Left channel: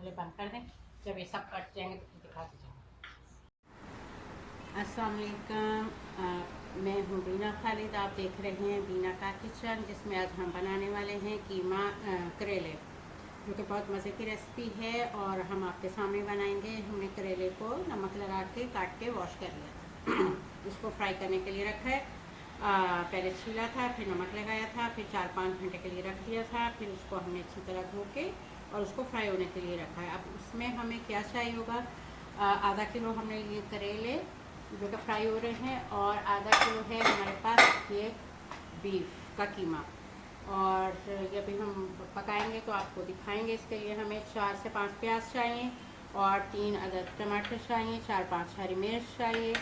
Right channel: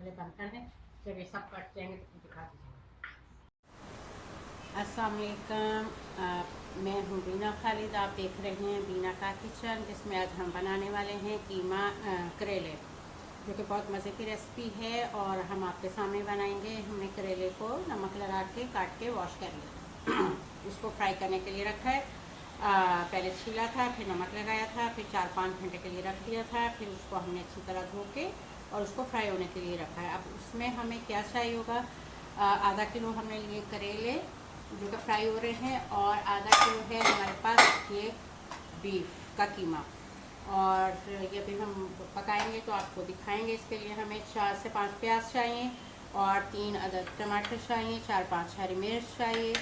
पहले बंद कर दें, जब ये सब कट जाएंगे तो दिखाते जाएंगे। अस्सलाम वालेकुम, मैं हूँ बीना खालिद। आप देख रहे हैं बीना का किचन, जिसमें आज हम बनाने वाले हैं कीमा करेले, जो कि बहुत मज़े की रेसिपी है और हम आपके सामने बनाएंगे। हमने करेले को नमक लगा के काट के वॉश कर लिया उसको फ्राई करने के लिए रखा है। पहले छीला था, फिर नमक लगाया था, फिर 4-5 घंटे के लिए रख दिया था, फिर उसको हमने अच्छी तरह धो के और उसको फ्राई होने के लिए रखा है। अब उसमें हमें क्या चाहिए होगा, आधा किलो हमने लिए करेले जो कि फ्राई हो रहे हैं, और आधा किलो है हमारे पास ये बीफ का कीमा। और ये अभी हम पकाएंगे तो आपको दिखाएंगे। इसके लिए हमें 4 से 5 प्याज चाहिए और 3 अदद टमाटर चाहिए, 4-5 हरी मिर्च चाहिए,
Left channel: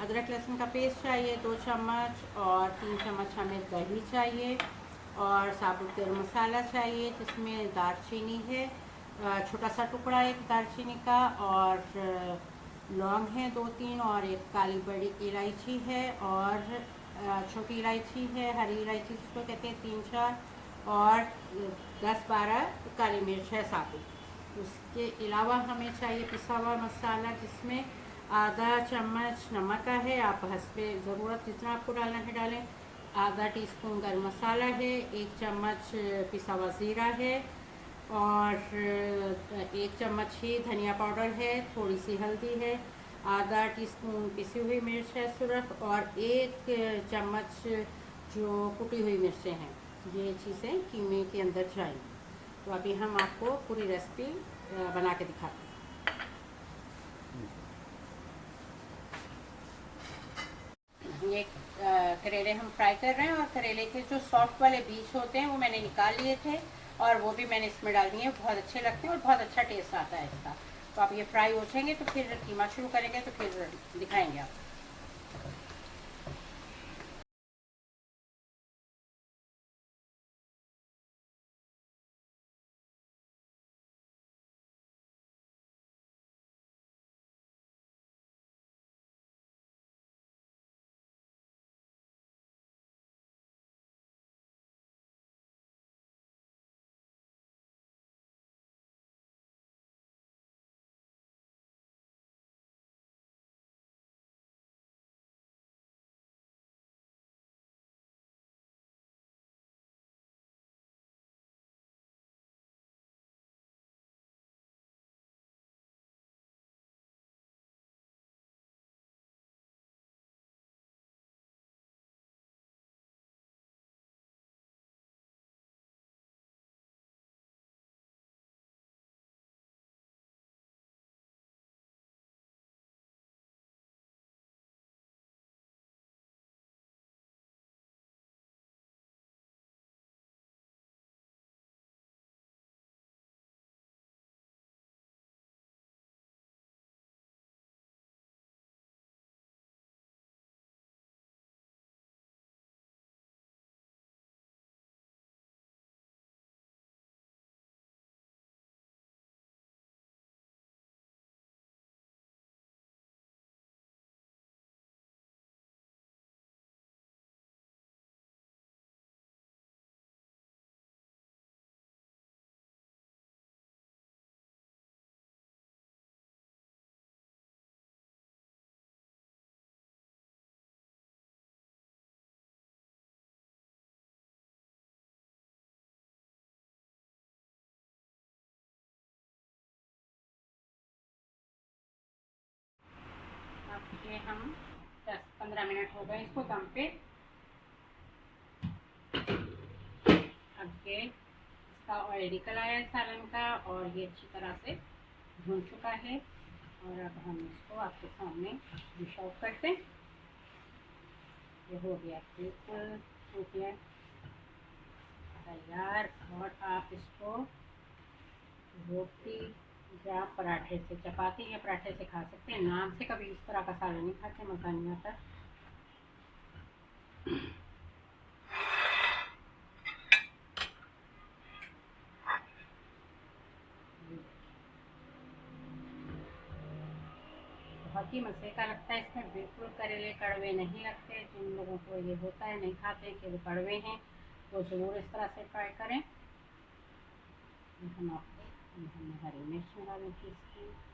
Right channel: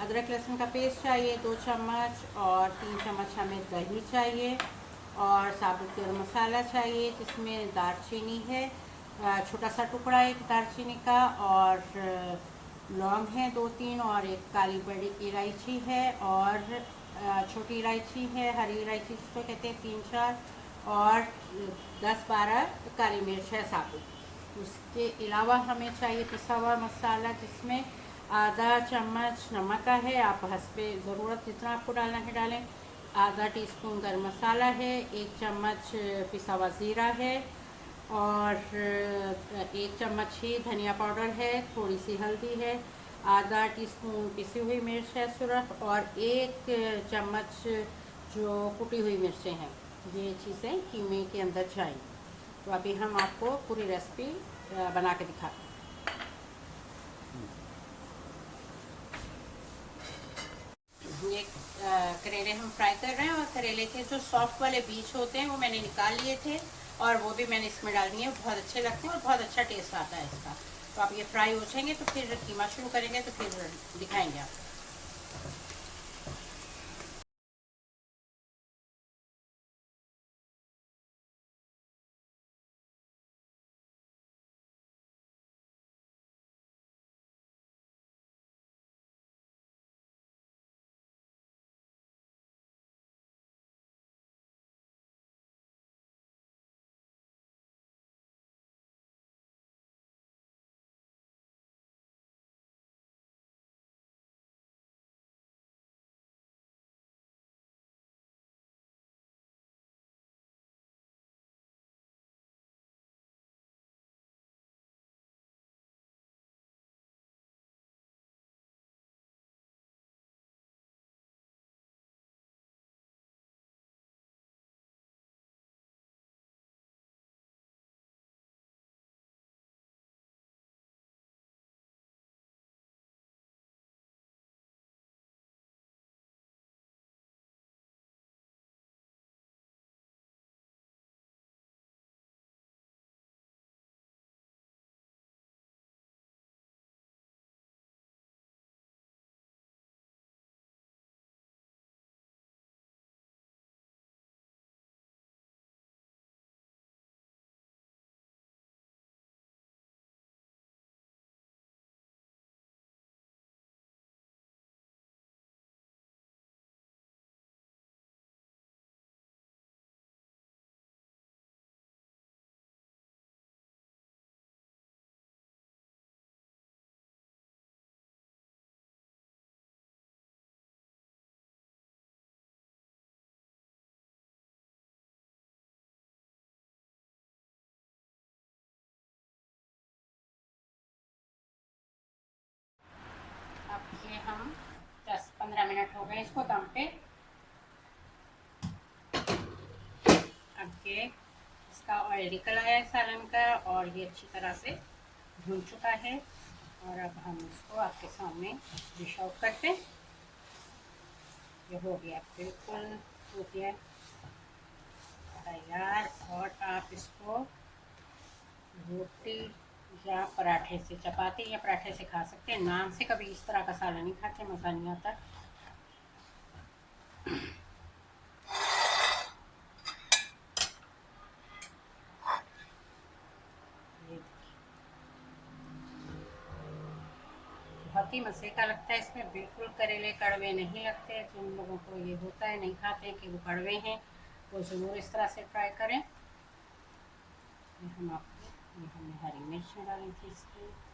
अदरक लहसुन का पेस्ट चाहिए 2 चम्मच, और 3 चम्मच हमें दही चाहिए, और साबुत गरम मसाला चाहिए जिसमें दालचीनी है, छोटा सा टुकड़ा एक दालचीनी का, और लौंग है 2-3, और एक काली बड़ी इलायची है, और छोटी इलायची है, हरी इलायची जिसको कहते हैं 3-4, और 10-12 काली मिर्च है साबुत। उसके अलावा हमें चाहिए पिसा हुआ मसाला, जिसमें आधा चम्मच नमक का है, आप हस्बे ज़रूरत जितना आपको डालना है डालें, आधा टीस्पून गरम मसाला है, 1 चम्मच पिसा हुआ ज़ीरा है, और 1 चम्मच ही धनिया पाउडर है, थोड़ी सी हल्दी है, आधा टीस्पून पिसी हुई मिर्च है सिर्फ, और 1 चम्मच जो कुटी हुई मिर्चें हैं। ये चीज़ें कीमे के अंदर जाएंगी। तो अभी हम आपको पूरी रेसिपी बना के दिखाते हैं। ये करेले हम फ्राई कर रहे हैं, और करेले के जो सॉफ्ट वाले बीज होते हैं वो मैंने निकाल लिए थे, और वो भी मैंने इसमें डाल दिए। बहुत अच्छे लगते हैं और बहुत अच्छा टेस्ट आता है इसका। तो आप ये फ्राई हो जाएंगे तो फिर कीमा शुरू करेंगे, तो फिर दिखाएंगे आप। अब ये हम 10-15 मिनट हो गए इसको दम पे। अब ये इसका ऑयल निकल आया है सालन का, और ये अच्छी तरह से भून चुका है। और अब हम इसको आपके सामने डिश आउट करते हैं। ये हो गया बिल्कुल हो गया तैयार, और आप इसको रोटी या पराठे से, चपाती या पराठे से खा सकते हैं। नान से कभी इस तरह का सालन नहीं खाते, मज़ा नहीं आता। बहुत ही मज़े का लगता है। इसमें बिल्कुल करेले कड़वे नहीं लगते। जिन लोगों को ये होता है, नहीं खाते कि वो कड़वे हैं, वो ज़रूर इस तरह से ट्राई करें। हम आपको ये हमने हरी मिर्च डाली थी इसकी।